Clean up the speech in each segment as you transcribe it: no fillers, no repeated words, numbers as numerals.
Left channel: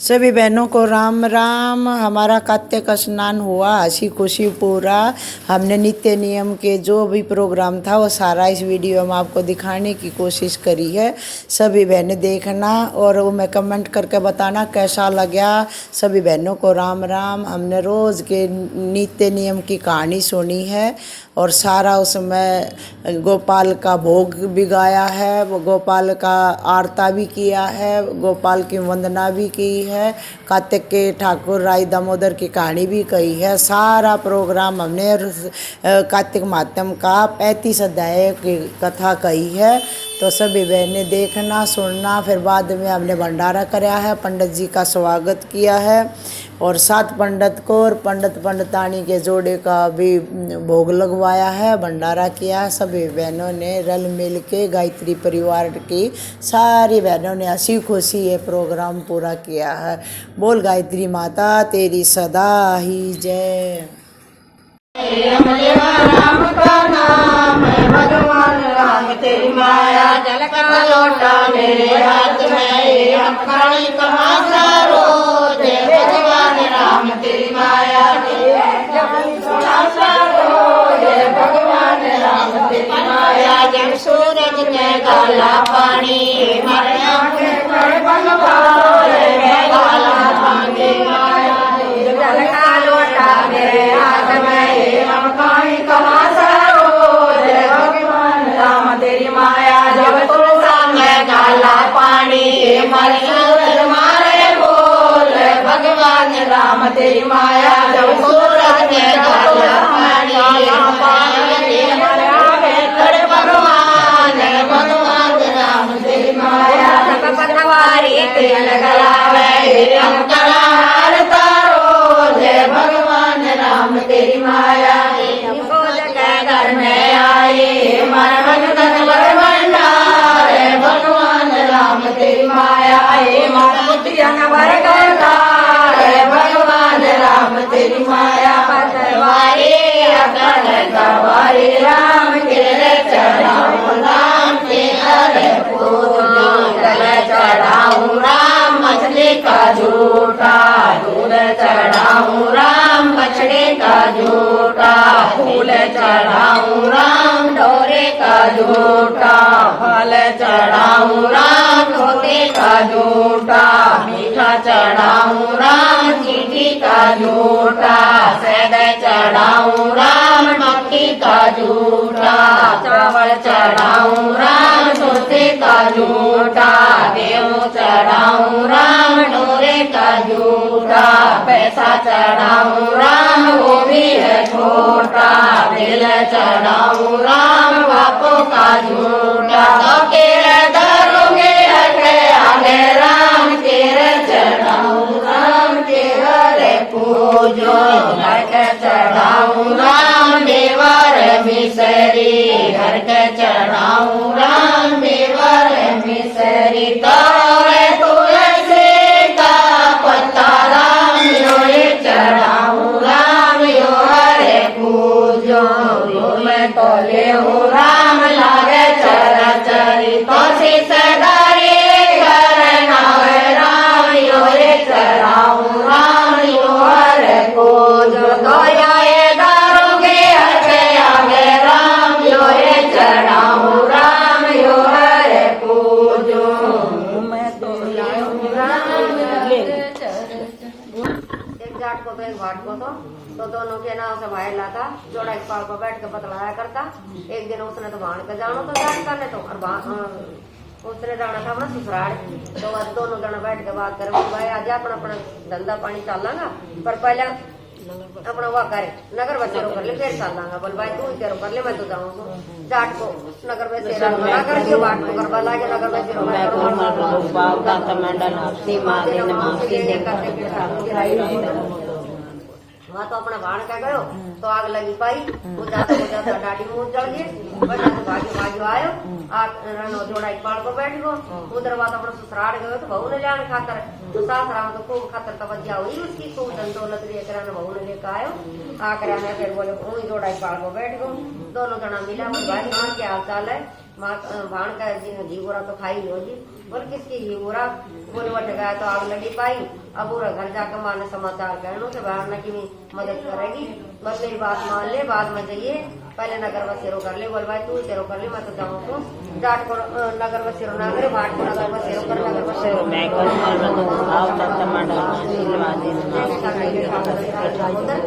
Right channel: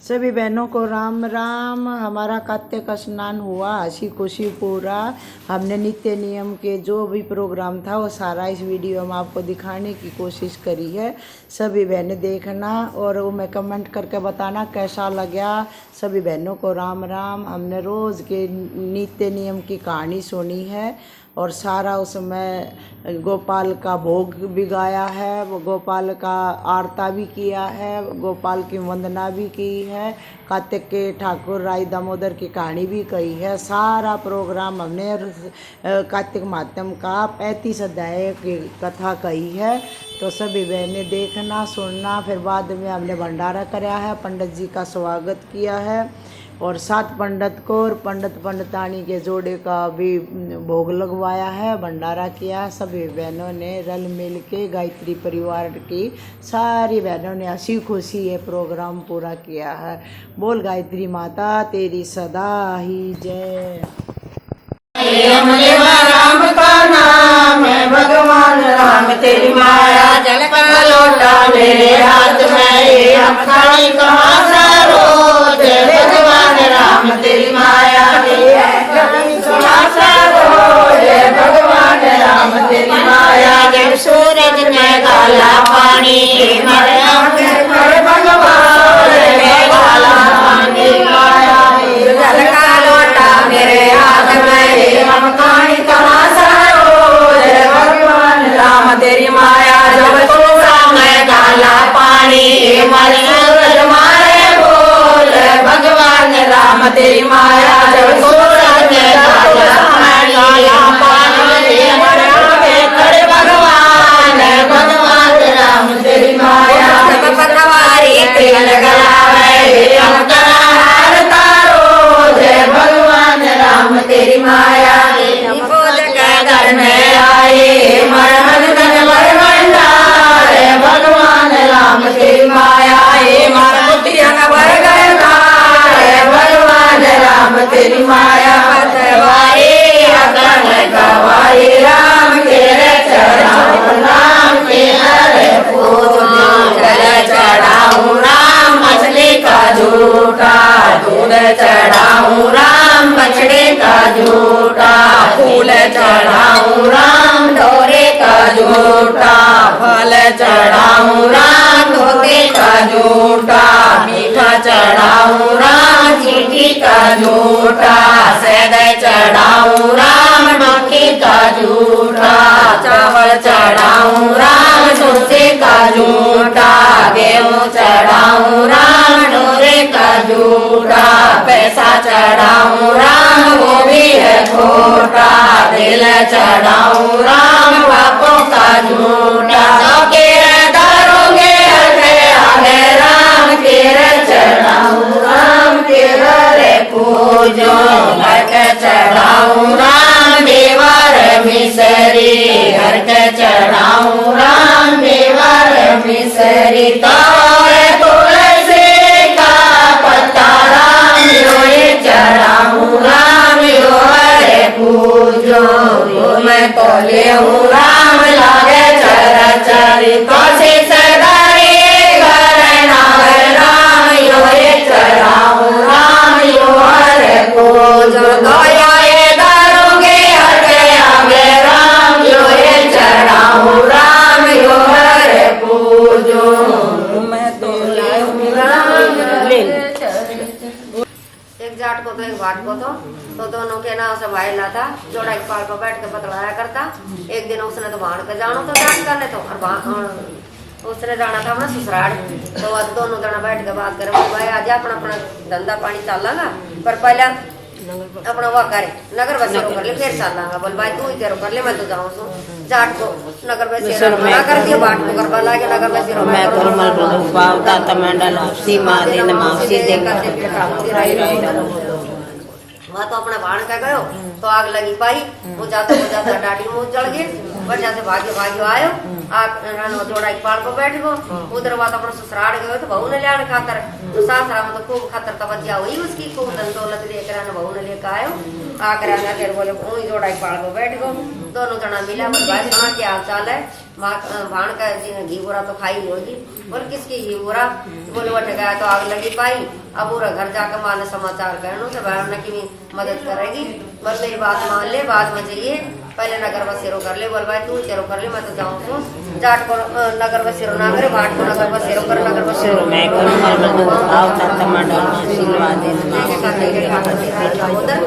सभी बहनों को राम राम। हमारा कार्तिक स्नान हुआ, हंसी खुशी पूरा। हमने नित्य नियम के जो भी प्रोग्राम था वो सारा इस वीडियो में आपको दिखाने की कोशिश करी है। सभी बहनें देखना और वो मैं कमेंट करके बताना कैसा लगा। सभी बहनों को राम राम। हमने रोज़ के नित्य नियम की कहानी सुनी है और सारा उसमें गोपाल का भोग भी गाया है, वो गोपाल का आरता भी किया है, गोपाल की वंदना भी की है, कार्तिक के ठाकुर राय दामोदर की कहानी भी कही है। सारा प्रोग्राम हमने कार्तिक माध्यम का 35 अध्याय की कथा कही है। तो सभी बहनें देखना सुनना। फिर बाद में हमने भंडारा कराया है, पंडित जी का स्वागत किया है और 7 पंडित को और पंडितानी के जोड़े का भी भोग लगवाया है, भंडारा किया है। सभी बहनों ने रल मिल के गायत्री परिवार की सारी बहनों ने हंसी खुशी ये प्रोग्राम पूरा किया है। बोल गायत्री माता तेरी सदा ही जय। राम का नाम है भगवान राम तेरी माया, जल का लोटा मेरे हाथ में, ये अखाई कहाँ सा रोज भगवान राम तेरी माया, कहाँ सा रोज भगवान राम तेरी माया। जब सूरज में काला पानी हमारे आंखें पर भगवान राम तेरी माया, जल का लोटा मेरे हाथ में, हम कहीं कहाँ सा रोज भगवान राम तेरी माया। जब सूरज में काला पानी हमारे सूरज मारे बोल भगवान राम तेरी माया। जब सूरज में काला पानी हमारे खड़े भगवान राम तेरी माया। जब पतवारी तेल गलावे हम करार तारो जय भगवान राम तेरी माया। घर में आए मरहन गजबर भंडार भगवान राम तेरी माया, भर गए भगवान राम तेरी माया। गवाई राम के चढ़ाऊ राम के जल चढ़ाऊ राम मछली का झूठा, दूध चढ़ाऊ राम बछड़े का झूठा, फूल चढ़ाऊ राम ढोरे का झूठा, फल चढ़ाऊ राम धोते का झूठा, मीठा चढ़ाऊ राम चीटी का झूठा, सैद चढ़ाऊ राम मक्खी का झूठा, चावल चढ़ाऊ राम चूसे का झूठा, गेहूँ चढ़ाऊ राम ढोरे का झूठा, पैसा चढ़ाऊ राम वो भी है खोटा, दिल चढ़ाऊ राम बापों का झूठा। दारोगे आगे राम तेरे चढ़ाऊ राम के घरे पूजो, घर के चढ़ाऊ राम देवर मिसरी, घर के चढ़ाऊ राम देवर मिसरी। तुलसी का पत्ता राम ये चढ़ाऊ राम यो हरे पूजो, मैं तो ले राम लागे चर चरी तोसी सदारी घर नावे राम यो ये चढ़ाऊ राम यो हरे पूजो। दया ये दारोगे हटे आगे राम यो ये चढ़ाऊ राम यो हरे पूजो, मैं तो ले राम ले। एक जाट को तो एक भाट को तो दोनों के नाव से भाई लाता, जोड़ा एक पाल पर बैठ के बतलाया करता। एक दिन उसने तो भाण पे जानो तो जाट करने तो और उसने जाना था अपना ससुराल। तो अब दोनों जना बैठ के बात करें, भाई आज अपना अपना धंधा पानी चलांगा, पर पहले अपना वो करे नगर बसे कर ले, फिर चलांगा। बोल भाई तू ही करो कर ले, मैं तो जाऊँ सो जाट को नगर बसे कर दियो, बाट को कर लाके नगर बसे रो मैं तो मर बावता तमंडल सीमा दिन मासी देकर वहाँ तो अपना भाण का गयो तो आग लगी पाई, वो जाता डाटी मुँह चढ़ गई, पर जाते भाग्य आयो जोड़ा एक पाल पर बैठ गो उधर बात अपना ससुराल गए तो बहू ने लिया खाकर तो सासरा में तो खूब खातर तवज्जा हुई उसकी खूब धन दौलत लेकर बहू ने लेकर आयो आकर आना फिर बोले वही जोड़ा एक पाल पर बैठ गो दोनों जना मिला बोले भाई सुना क्या हाल चाल है भाण का घी बोरा तो खाई होगी बोले किसकी घी बोरा बोले बट गया तो आग लगी पाई अब पूरा घर जाकर माँ ने समाचार कहने से बहन की भी मदद करेगी बस मेरी बात मान ले बाद में चाहिए पहले नगर बसेरो कर ले बोल भाई तू तेरो कर ले मैं तो जाऊँ तू जाट को नगर बसेरो ना करे भाट को नगर बसेरो कर नगर बसेरो उधर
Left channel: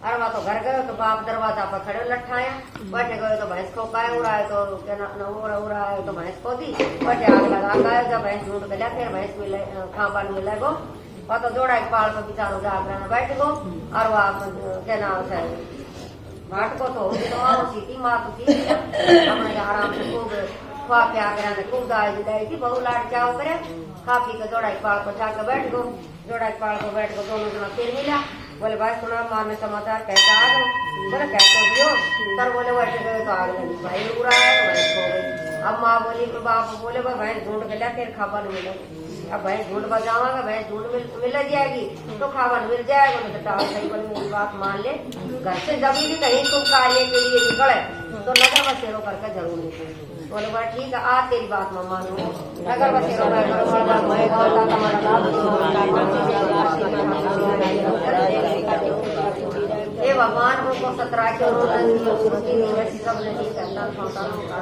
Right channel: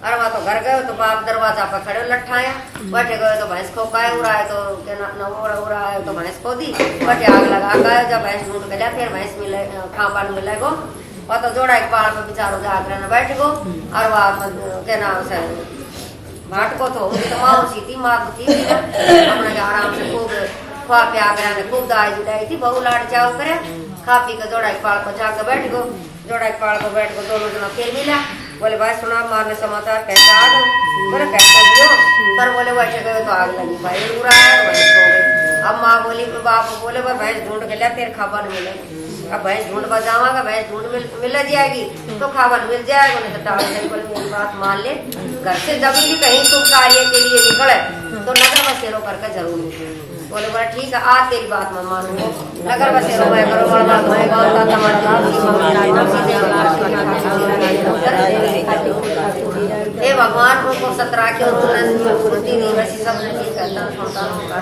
अरे वहाँ तो घर गए तो बाप दरवाजा पर खड़े लट्ठाया बैठे गए तो भैंस को काय उड़ाए तो उड़ाए तो भैंस को दी बैठे आग लगा गए जब भैंस ढूंढ गया फिर भैंस मिले खापान मिले गो वह तो जोड़ा एक पहाड़ पर बेचारो जाकर न बैठ गो और वह क्या नाम से भाट को तो माँ सी थी माँ थी अपने आराम से खूब खुआ प्या कर खूब दाई जुटाई थी बहु लाड चाव करे खा पी के जोड़ा एक पहाड़ पर जाकर बैठ गो जोड़ा एक पहाड़ पर बैठ गो दोनों जना फिर मिला बोले भाई सुना मारने समाचार कैसे आ गए बोले कैसे दियो पर बोले बैठे गए तो आग लगी भाई उड़ा भैंस हो गई अब माँ बोली बाप बोले भाई भैंस ढूंढ के लिया फिर खावन मिले अब भैंस ढूंढ बजावागा भैंस ढूंढ मिल जाएगी तो खावन मिल जाएगा नहीं तो टाल से बोले मेरी बात मान ले घर से जब भी कहीं तुम कार्य के लिए निकले तो नगर बसेरो करके जरूर निकले बोले बोला ठीक है आज तेरी बात मैं मानूंगा नगर बसेरो मैं हे भगवान उनको 17 के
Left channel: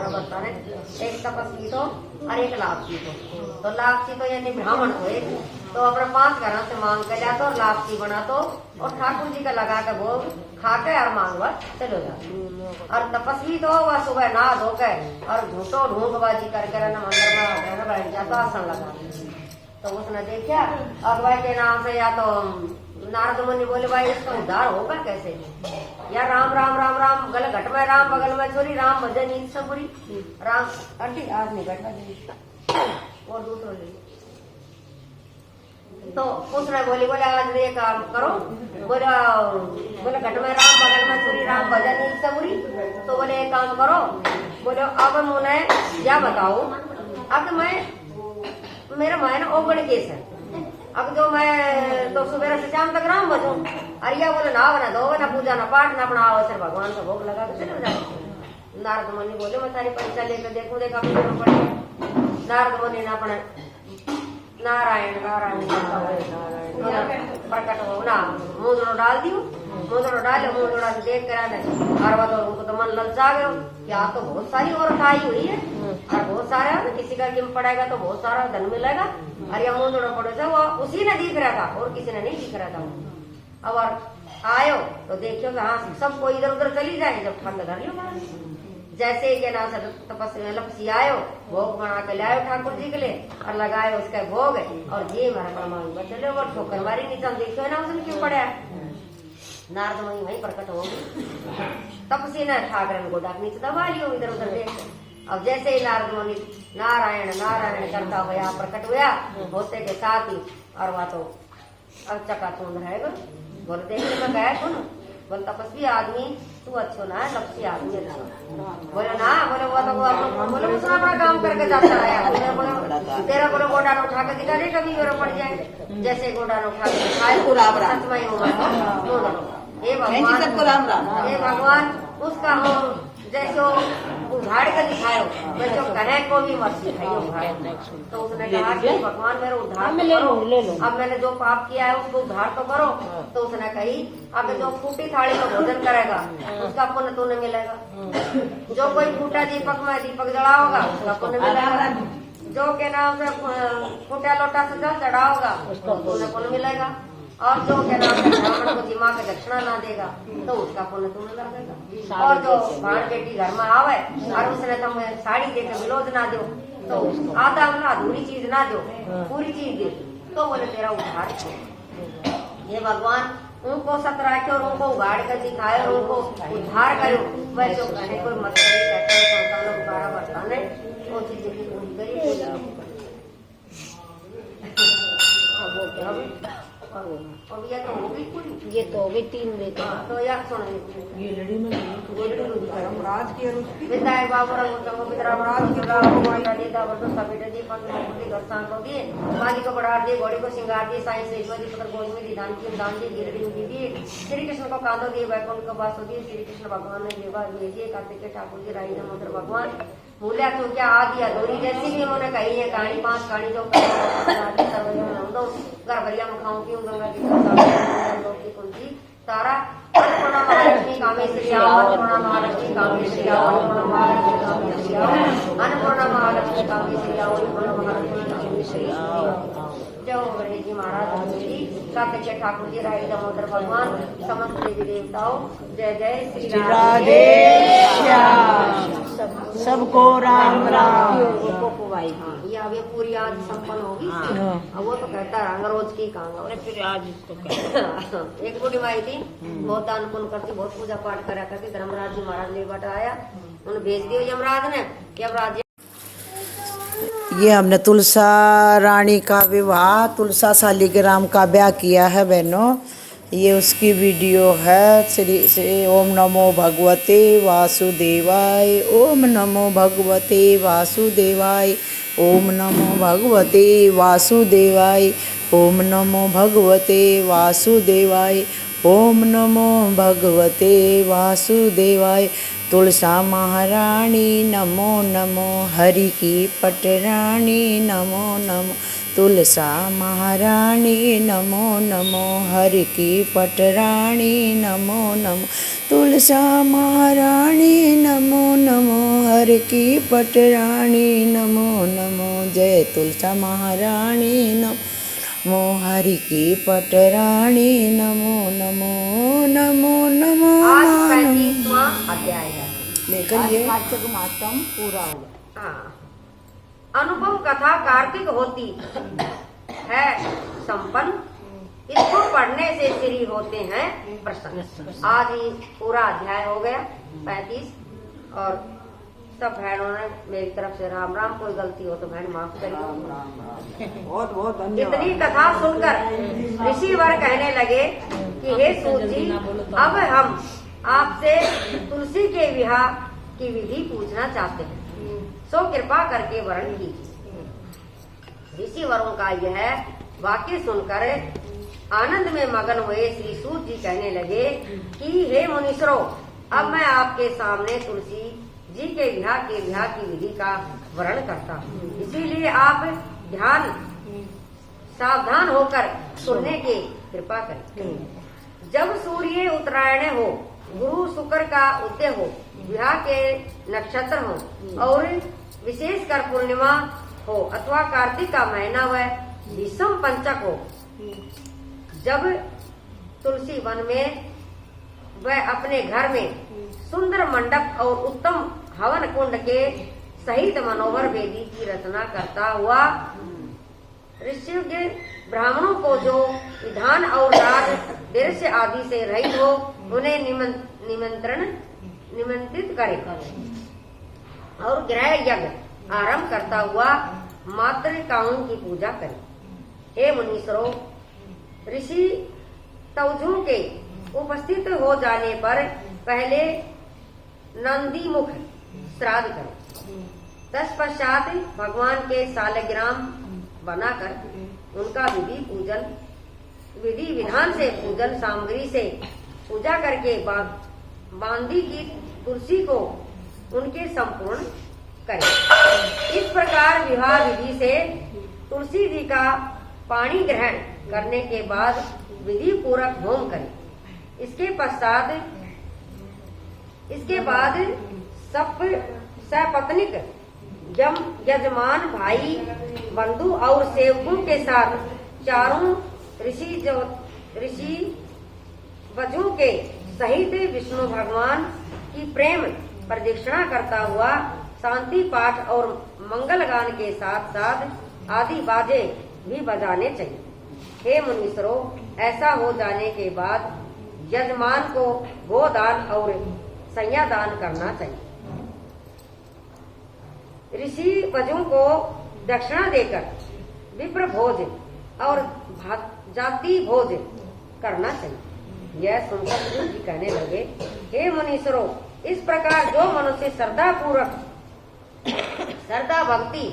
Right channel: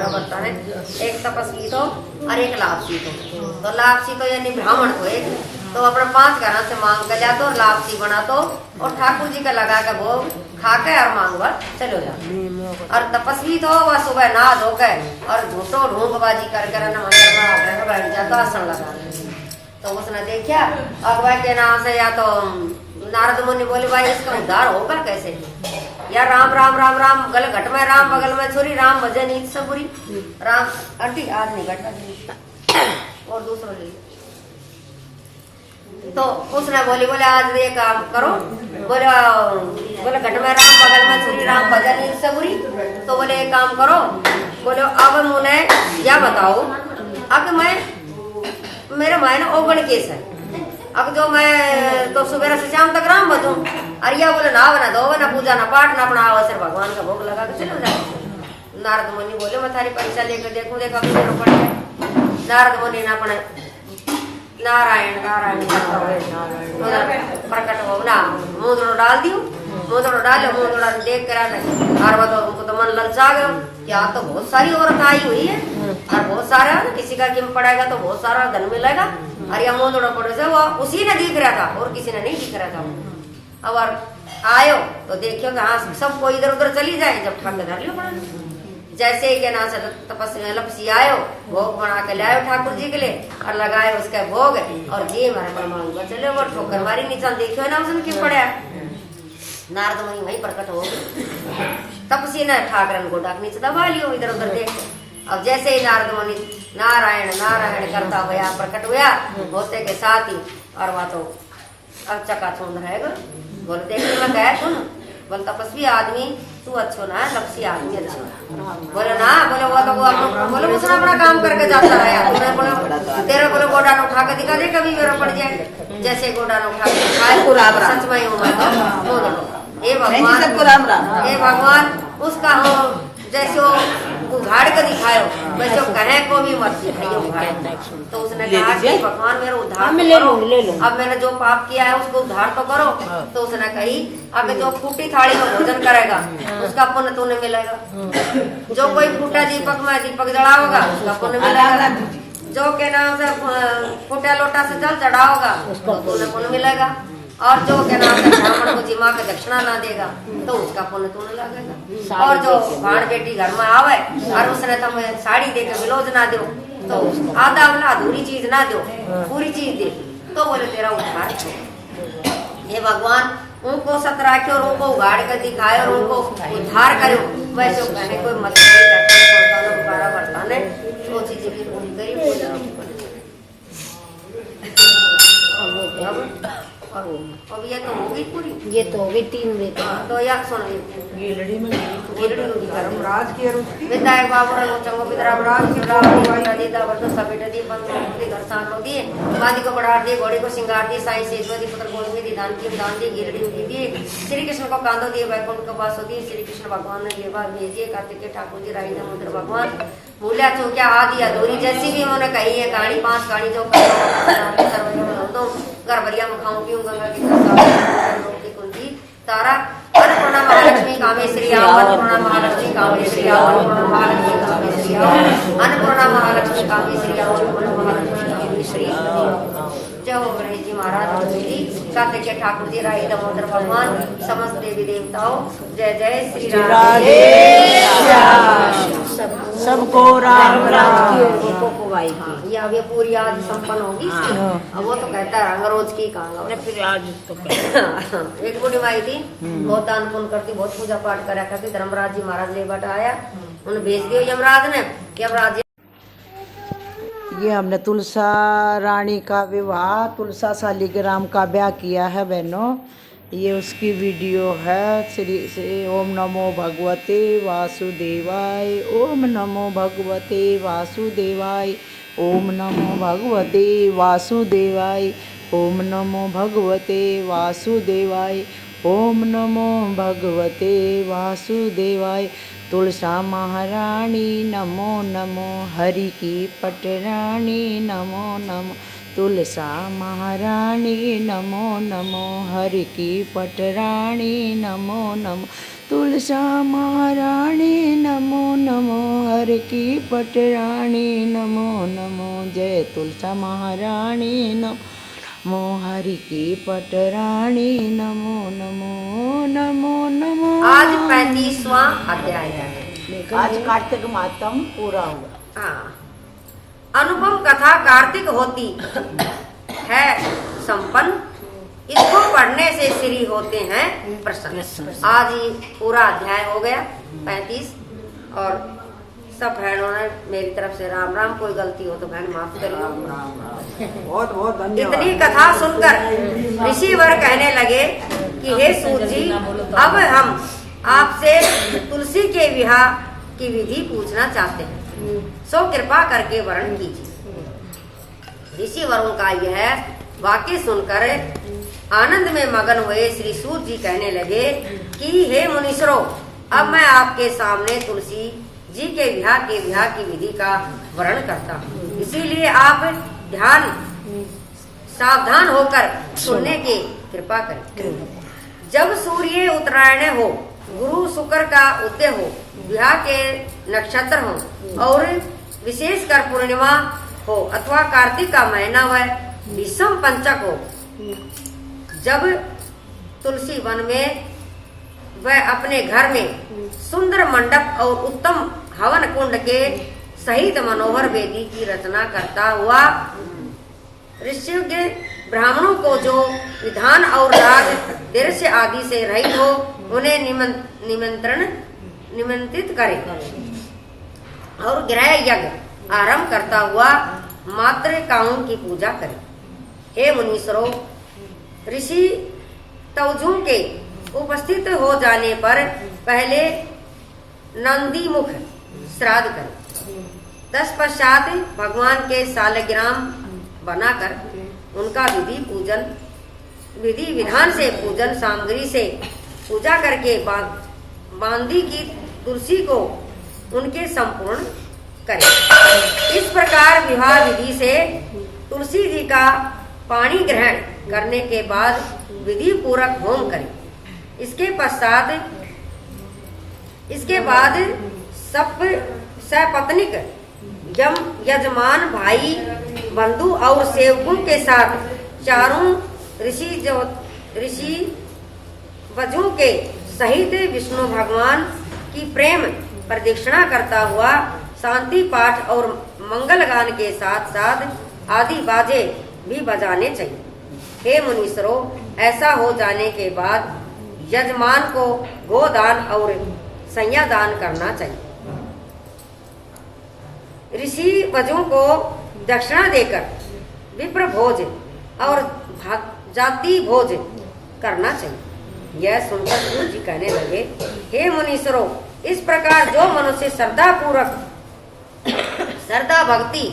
करता है एक तपस्वी तो और एक लापसी तो लापसी तो यानी ब्राह्मण को एक तो अपने 5 घरों से मांग कर जाते और लापसी बना तो और ठाकुर जी का लगा के भोग खा के और मांगवा चलो जाओ और तपस्वी तो वह सुबह नहा धो के और झूठो ढूंढबाजी कर मंदिर में आकर बैठ जाता आसन लगा तो उसने देखा अगवा के नाम से या तो नारद मुनि बोले भाई इसका उद्धार होगा कैसे या राम राम राम राम गल घट में राम बगल में छोरी राम भजन ईद सबुरी राम अड्डी आज नहीं घटा और दूसरा ले तो उसने बोली बोले आज ये काम करो बोले घट में राम बगल में छोरी राम भजन ईद सबुरी तो बोले एक काम करो बोले अब मुने क्या बताओ अब मैं मेरे मायने ओगण केस है अब जो मैं तो सुबह से शाम तक राम बजूं अरिया बोले ना बना दो ना पूजा ना पाठ ना अपना अवसर भगवान का भोग लगा के चलो जाओ नारद मुनि बोले मैं थारी परीक्षा लेकर देखूं देखा पड़ गया नारद मुनि ने अपने नारायण नारायण प्रकट हो ना मुंदड़ो डाल दियो मुंदड़ो डालो मुंदड़ा देख कर आने और वो तो उनको तो मन ललचा गया क्या तो बहुत सारी औरत आई हुई है और बहुत सारा किसी का किम पड़ेगा तो बहुत सारा धन मिलेगा और यह मुंदड़ो पड़े से वो उसी ने दिख रहा था और किसी ने नहीं दिख रहा था अब और आयो तो देखियो कि हाँ सब कोई इधर उधर चली जाए जब ठाकुर धर लियो बना जैसे ही के ना से तपस्या लपसी आयो भोग बना के लायो ठाकुर जी के लिए और लगाए उसके भोग और जी मारा मांगूंगा चलो वो ठोकर मारी नीचा देखियो ना उसने क्यों पड़ा नारद मुनि वहीं प्रकट हो गए तपसी ने ठाकरन को डाक नीचे दबा लियो इधर उधर देख अब जैसे ही नारद मुनि नारायण नारायण करता हुआ प्रकट हुआ होते के साथ ही और वहाँ तो अब चकाचौंध रहेगा बोले देख मैं कहा सुन बोले तपस्वी आदमी तू अच्छो ना लपसी आदमी अच्छो बोले ना बोले वो तो बोले उसने अपना काम करके जाता है तूने बोले तेरा बोले गोडान उठा के दिखा दे कभी मेरा पड़ जाए जैसे गोडान उठा के दिखाए सच में हे भगवान उसका हम जैसे उघाड़ के दिखायो वैसे कहे को भी मत दिखाइए तो उसने कहा कि भगवान मेरा उद्धार तो करो अब मैंने जो पाप किया है उसको उद्धार तो करो तो उसने कही अब जो फूटी थाली में भोजन करेगा उसका पुण्य तुम्हें मिलेगा जो कोई फूटा दीपक में दीपक जलाओगा उसका पुण्य मिलेगा जो के नाम से फूटा लोटा से जल चढ़ाओगा उसको पुण्य पुण्य मिलेगा और जो के नाम से ब्राह्मण को जिमा के दक्षिणा ना देगा तो उसका पुण्य तुम्हें लगेगा और जो भाण बेटी घर में आवे और उसने तुम्हें साड़ी दे के विलोज ना दो तो आधा वाला अधूरी चीज ना दो पूरी चीज दे तो बोले तेरा उद्धार ये भगवान उनको सत राखे और उनको उगाड़ कर दिखाए और उनको उद्धार करे वैसे कहने कोई मतलब बरताने वो चीजें भी पूरी करी अब ये तो होगी पूरी, ये तो होगी 3 बेटे। तो यार सुन गीलड़ी में धर्मराज की और उसकी विधायक बाबू रंग चंगो पितरा बराज शिवराज दी दावर तो सपेट दी पंद्रह घर सांड लो दिए बादी को बढ़ा दिए घोड़े को सिंगार दिए साईं सेजवती पुत्र गोविंद दी दान की दान दी गिरडी दी दिए श्री कृष्ण को कांदो दिए वैकुंठ को वासो दिए श्री कृष्ण भगवान ने देवा भेजिए कार्तिक के ठाकुर जी राई दामोदर भगवान भूलिया चूकिया आदि अधूरी जैसी भी उन्होंने कही है कहानी 5 कहानी जो घर भरिया मुखाऊं पीऊं गंगा की कुंजी तारा अन्नपूर्णा महालक्ष्मी कामेश्वरी आओ अन्नपूर्णा महालक्ष्मी कामेश्वरी आओ अन्नपूर्णा महालक्ष्मी कामेश्वरी आओ अन्नपूर्णा महालक्ष्मी कामेश्वरी आओ अन्नपूर्णा महालक्ष्मी कामेश्वरी जय हो गणेश जी महाराज जी कार्तिक के ठाकुर जी राई दामोदर भगवान समस्त देवी देवताओं जय जय श्री राधे सबको राम राम। पोपोवाई की ये अब ये पूरी आज संपन्न होगी अब वो तो कहता है रंग रोज की काम फिर आज तो एक बूढ़ी माई थी बहुत दान पुण्य करती बहुत पूजा पाठ करा करती धर्मराज जी महाराज ले बटा आया उन्हें भेज दिया यमराज ने यमराज ये हमने तुलसा रानी का विवाह तुलसा शालिग्राम का ब्याह किया है बहनों। ये उसकी वीडियो है। श्री ओम नमो भगवते वासुदेवाय ओम नमो भगवते वासुदेवाय ओम नमो भगवते वासुदेवाय ओम नमो भगवते वासुदेवाय ओम नमो भगवते वासुदेवाय। तुलसा महारानी नमो नमो हरि की पटरानी नमो नमो तुलसा महारानी नमो नमो हरि की पटरानी नमो नमो तुलसा महारानी नमो नमो हरि की पटरानी नमो नमो जय तुलसा महारानी नमो हरि की पटरानी नमो नमो नमो नमो। आज 35वां अध्याय है लेकिन आज ये कार्तिक मातम पूरा हुआ। हाँ। अनुपम कथा कार्तिक होती है संपन्न इसको पढ़ने से श्री होते हैं प्रसन्न। आज ही पूरा अध्याय हो गया 35 और सब बहनों ने मेरी तरफ से राम राम। कोई गलती हो तो बहन माफ करियो। बहुत बहुत धन्यवाद। इतनी कथा सुनकर ऋषिवर कहने लगे कि हे सूत जी अब हम आपसे तुलसी के विवाह की विधि पूछना चाहते हैं सो कृपा करके वर्ण कीजिए। ऋषि वरों का यह वाक्य सुनकर आनंद में मगन हुए श्री सूत जी कहने लगे कि हे मुनीश्वरों अब मैं आपके सामने तुलसी जी के विवाह की विधि का वर्णन करता हूँ। इसीलिए आप ध्यान सावधान होकर सुनने की कृपा करें। जब सूर्य उत्तरायण हो गुरु शुक्र का उदय हो विवाह के नक्षत्र हो और विशेषकर पूर्णिमा हो अथवा कार्तिक का महीना व विषम पंचक हो जब तुलसी वन में वह अपने घर में सुंदर मंडप और उत्तम हवन कुंड के सहित मनोहर वेदी की रचना करता हुआ ऋषि ब्राह्मणों को जो विधान और राग दृश्य आदि से रहित हो उन्हें निमंत्रित करे और गृह यज्ञ आरंभ करता हुआ मातृकाओं की पूजा करे। हे मुनीश्वरों ऋषि तवजों के उपस्थित हो जाने पर पहले नंदी मुख श्राद्ध करें। तत्पश्चात भगवान के शालिग्राम बनाकर उनका विधि विधान से पूजन सामग्री से पूजा करके बांदी की तुलसी को उनके संपूर्ण करें। इस प्रकार विवाह विधि से तुलसी जी का पानी ग्रहण करने के बाद विधि पूर्वक होम करें। इसके बाद सब सपत्निक यजमान भाई बंधु और सेवकों के साथ चारों ऋषि वजों के सहित विष्णु भगवान की प्रेम प्रदक्षिणा करता हुआ शांति पाठ और मंगल गान के साथ साथ आदि बाजे भी बजाने चाहिए। हे मुनीश्वरों ऐसा हो जाने के बाद यजमान को गोदान और संज्ञादान करना चाहिए। ऋषि वजों को दक्षिणा देकर विप्र भोज और जाति भोज करना चाहिए। यह सुनकर गुरु जी कहने लगे, हे मुनीश्वरों, इस प्रकार जो मनुष्य श्रद्धा पूर्वक श्रद्धा भक्ति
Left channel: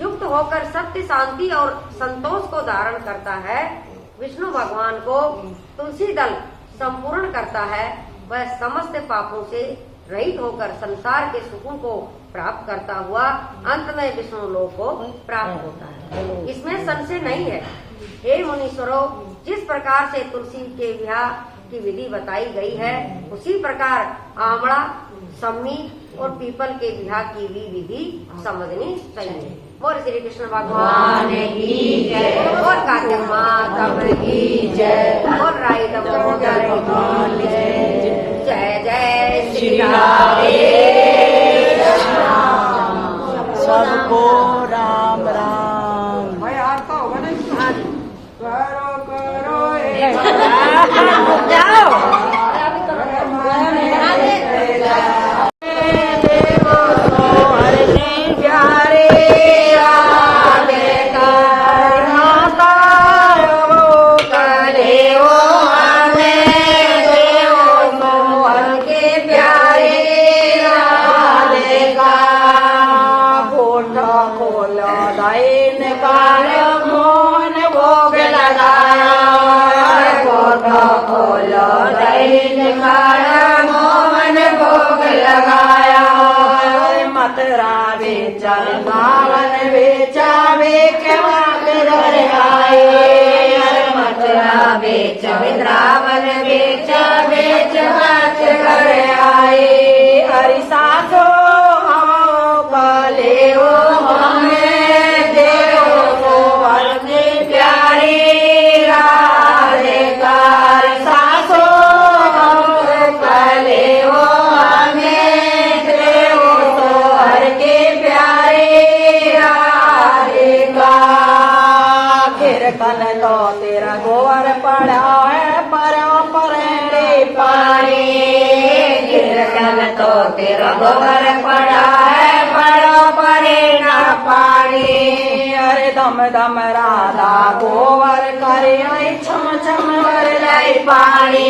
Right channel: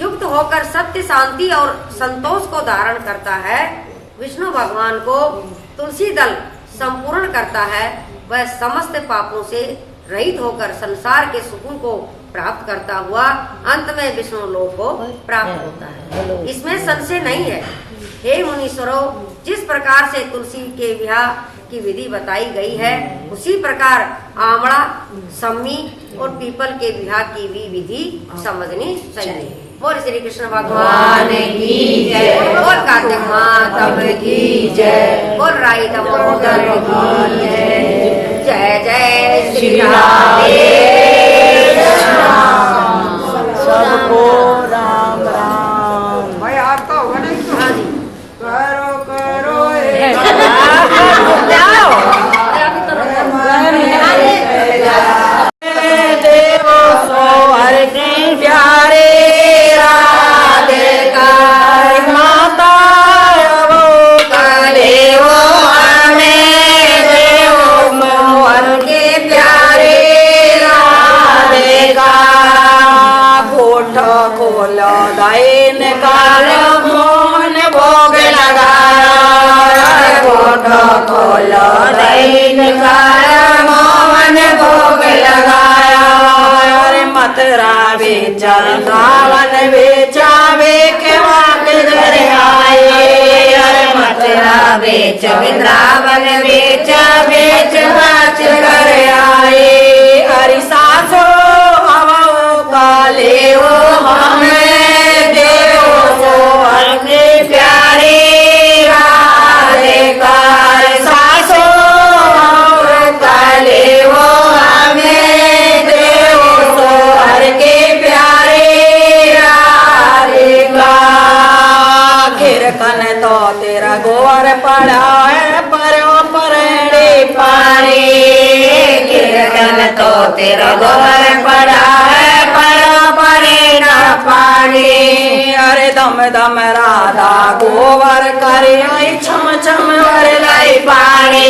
युक्त होकर सत्य, शांति और संतोष को धारण करता है, विष्णु भगवान को तुलसी दल संपूर्ण करता है, वह समस्त पापों से रहित होकर संसार के सुखों को प्राप्त करता हुआ अंत में विष्णु लोक को प्राप्त होता है। इसमें संशय नहीं है। हे मुनीश्वरों, जिस प्रकार से तुलसी के विवाह की विधि बताई गई है, उसी प्रकार आंवला, सम्मी और पीपल के विवाह की भी विधि समझनी चाहिए। बोल श्री कृष्ण भगवान की जय, बोल कार्तिक माता की जय, बोल राई दामोदर की जय। जय जय श्री राधे श्याम। सबको राम राम। भाई आता होगा नहीं तो? हाँ जी। करो करो खोलो दाइन काल मोहन भोग लगाया, फोटो खोलो दाइन काल मोहन भोग लगाया। अरे मथुरा बेचा वृंदावन बेचा बेखवा के घर आए, अरे मथुरा बेच वृंदावन बेचा बेच बाच घर आए। अरे सासो काले वो हमें देव को अपने प्यारे राधे का। सासो काले वो हमें देव को हर के प्यारे राधे का। खिरकन तो तेरा गोवर पड़ा है परणे पानी, खिरकन तो तेरा गोवर पड़ा है पानी। अरे दम दम राधा गोबर करे छम छम भर लाई पानी,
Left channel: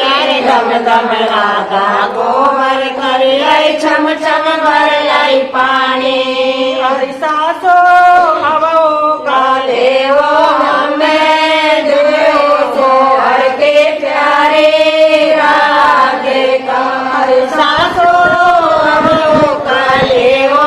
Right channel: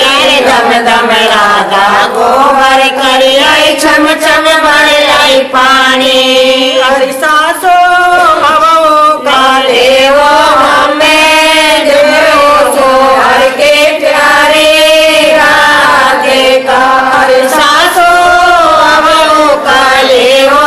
अरे दम दम राधा गोबर करे छम छम भर लाई पानी। अरे सासो हवो काले वो हमें देव सो हर के प्यारे राधे का। अरे सासो हवो काले वो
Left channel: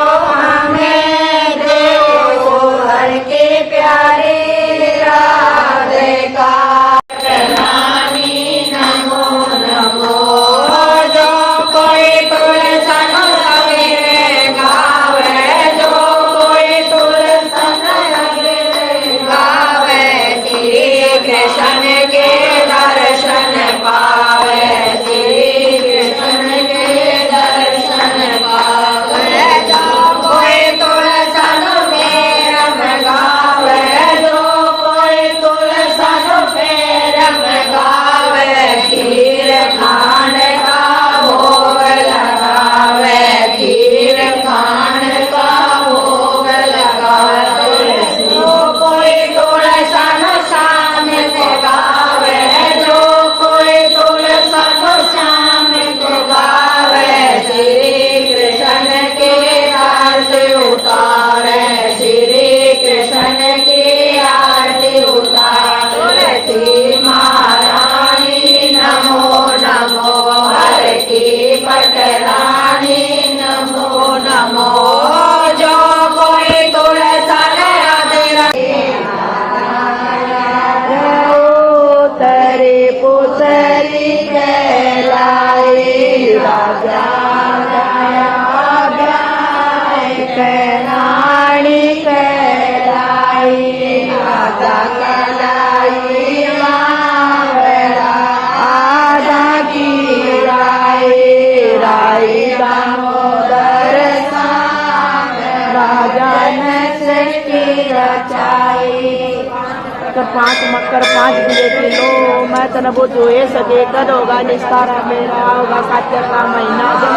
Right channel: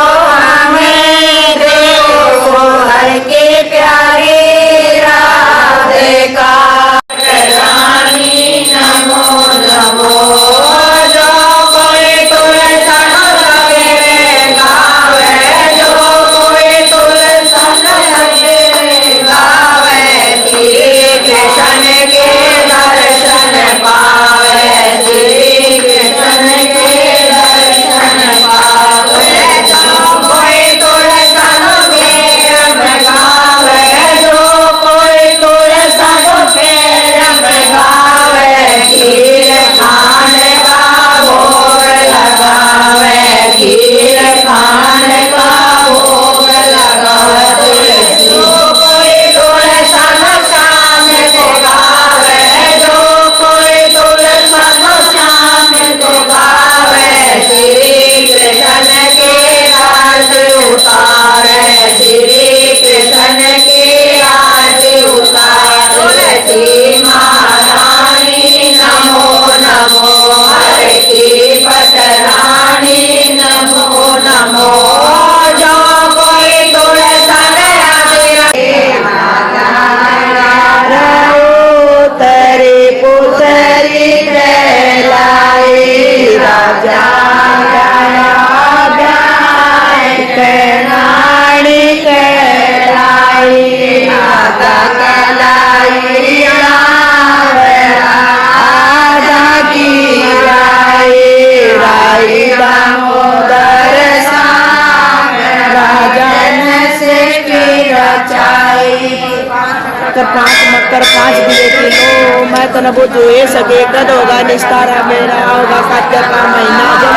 मकर 5 दिए किलो मैं तन बुद्ध हुए सके कद होगा निस्तारा मेरा होगा कात्या का महीना जब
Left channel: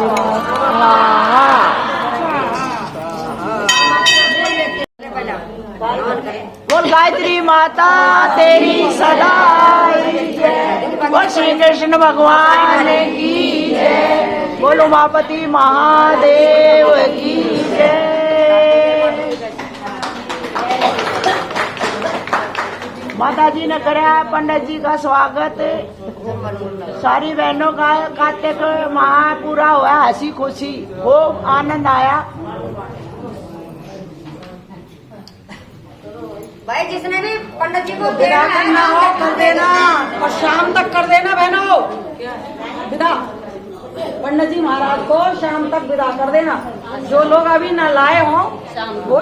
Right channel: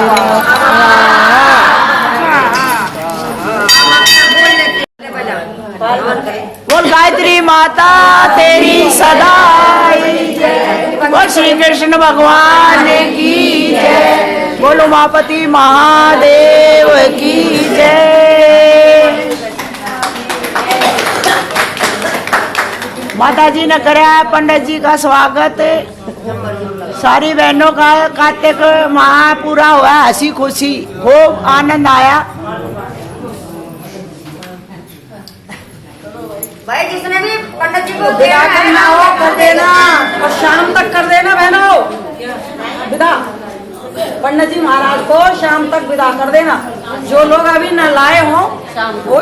होगा श्री कृष्ण भगवान की जय। बोलो उमापति महादेव की जय। माता जी ने कराया पंडित जी का स्वागत। सारी बहनों का कार्तिक माह पूरा हुआ, हंसी खुशी खूब आनंद आया। भाई जिसने भी पंडित जी को विदा करना हो कर देना और शाम तक कर देना बहनों विदा। पंडित जी महाराज को शाम तक विदा कर देना। जो लोग अभी न लाए हों वो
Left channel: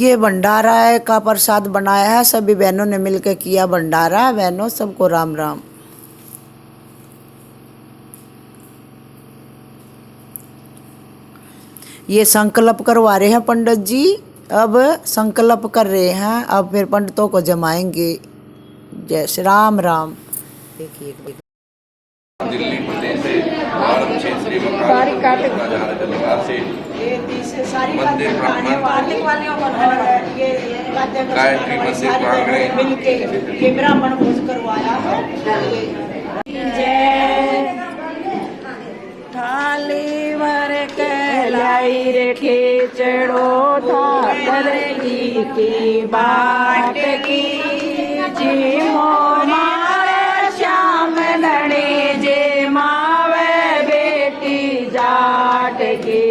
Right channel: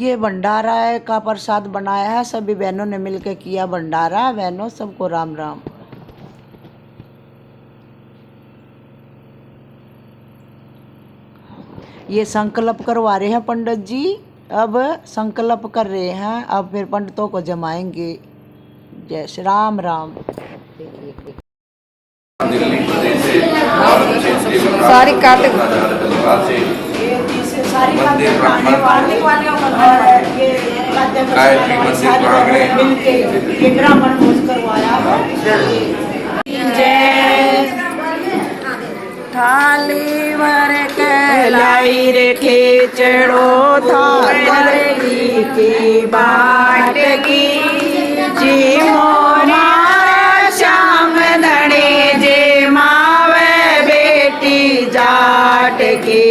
ये भंडारा का प्रसाद बनाया है, सभी बहनों ने मिलकर किया भंडारा। बहनों सबको राम राम। ये संकल्प करवा रहे हैं पंडित जी, अब संकल्प कर रहे हैं, अब फिर पंडितों को जमाएंगे। जय श्री राम राम। दिल्ली प्रदेश से भारत से श्री सारी कार्तिक मंदिर ब्राह्मण गायत्री मंदिर प्रांगण ब्राह्मण भोज करवाया जय। थाली भर के लाई रे खेचड़ो था दरगी की बाट की जी मोमारा श्याम धनी जी मावे बेटी जाट की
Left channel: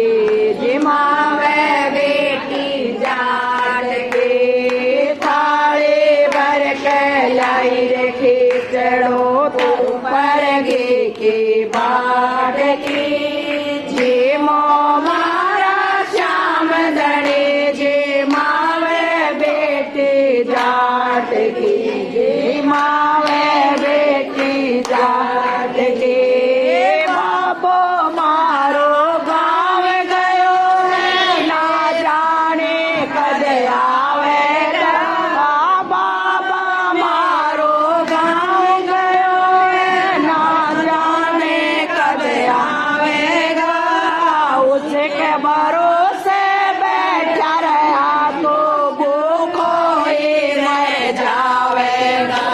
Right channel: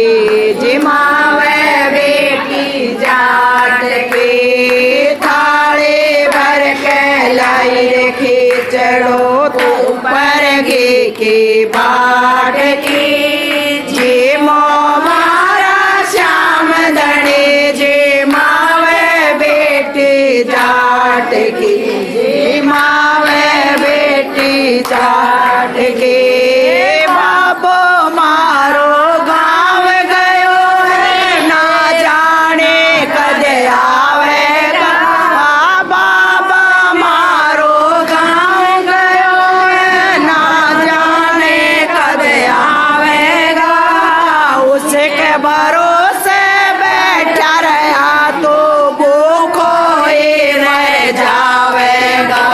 जी मावे बेटी जाट की। थाली भर के लाई रे खेचड़ो था ऊपर गे की बाट की जी मोमारा श्याम धनी जी मावे बेटी जाट की जी मावे बेटी जाट की। बाबो मारो गाँव गयो ना जाने कदे आवेगा। बाबा मारो गाँव गयो ना जाने कदे आवेगा। उसके भरोसे बैठा रहा तो भूखो ही मर जावेगा।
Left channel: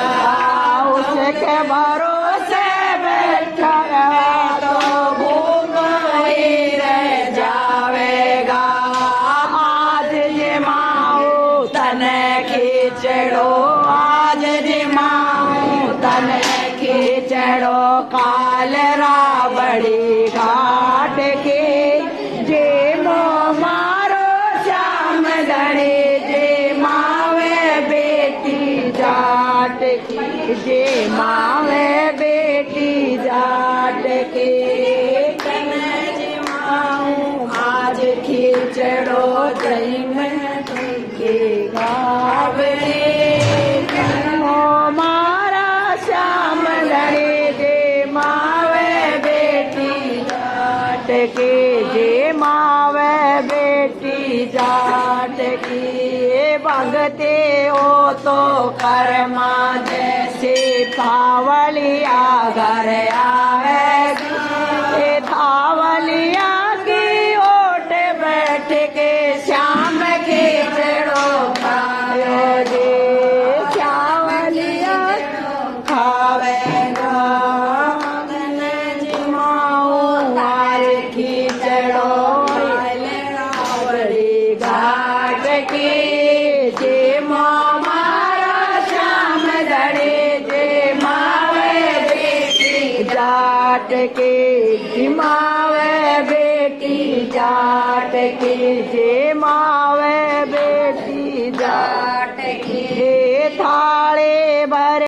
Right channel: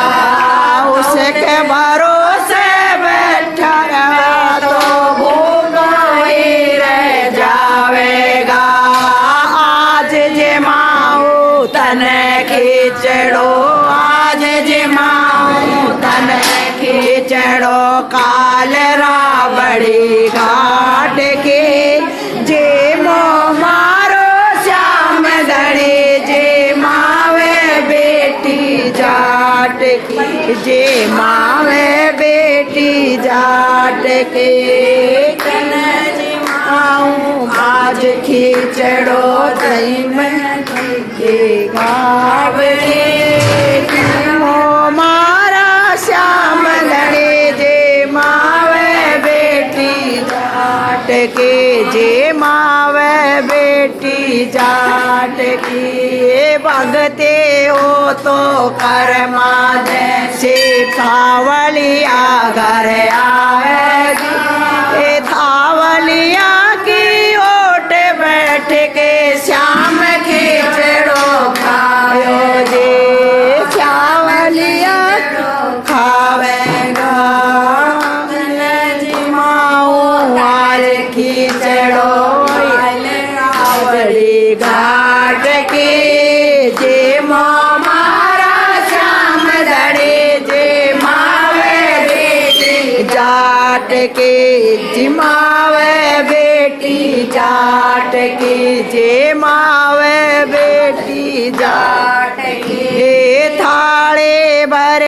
उसके भरोसे बैठा रहा तो भूखो ही रह जावेगा। आज जमाओ तन खींचड़ो, आज जमाओ तन खींचड़ो काल रावड़ी घाट के जे मो मारो श्याम धनी जे मावे बेटी जाट की जे मावे बेटी जाट के। तन जमाऊं आज खींचड़ो तई में के घावड़े मो मारा श्याम धनी जे मावे बेटी जाट के जे मावे बेटी जाट की। भगते हो तो कर्मा जैसे थावलिया घर आवेगी। ए थावलिया की ओट बैठ के श्याम खींचड़ो खायो जे श्यावलिया खावेगा। जिमाऊ आल खींचड़ो रावड़ी घाट के जे मारा श्याम धनी जे मावे बेटी जाट के जिमावे बेटी जाट की जे मावे बेटी जाट की। थाले भर